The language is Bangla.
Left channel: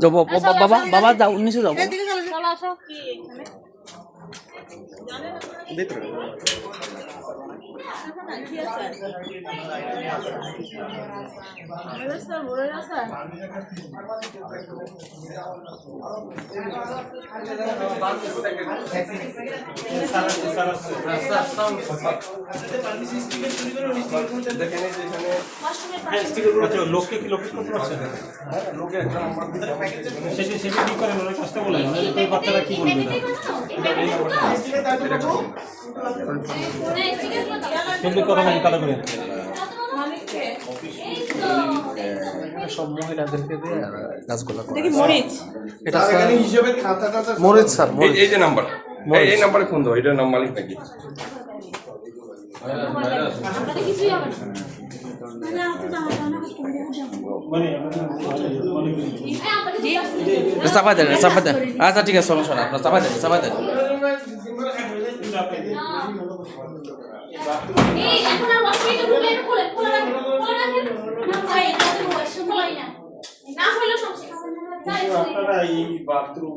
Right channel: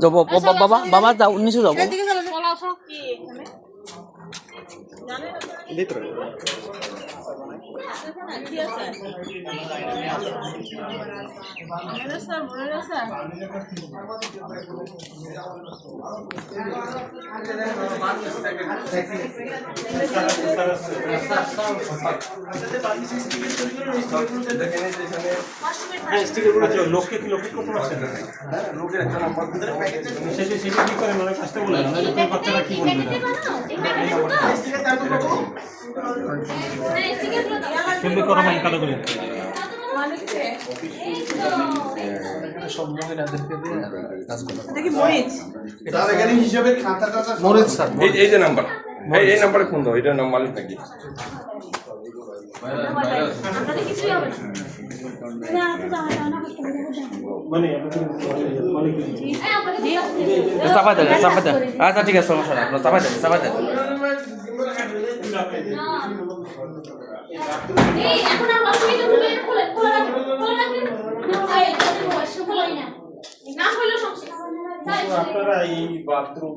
যাও বাবা বাবা যাও নিচে যাও ভিতরে লোককে কি লোকেট করতে পারছেন? হ্যাঁ, লোকের একটা নাম্বার সেটা কি করেন ওরা কাজটা বলে না এই বাচ্চারা কি বলবে না কিন্তু করা মানে কাটা করে সব মহিলাদেরকে দিয়ে কাজ করা। এটা কি মরিচ? এটা এখানে হিসাবে খাতাটা মরিচ স্যার। এই যে নাম্বার এই নাম্বারে ফোন দাও, এটা নাম মালিক নাকি? চাপা দেন আচ্ছা ঠিক আছে সমস্যা না আপনার চাপা দেন আপনারা এই বাথরুম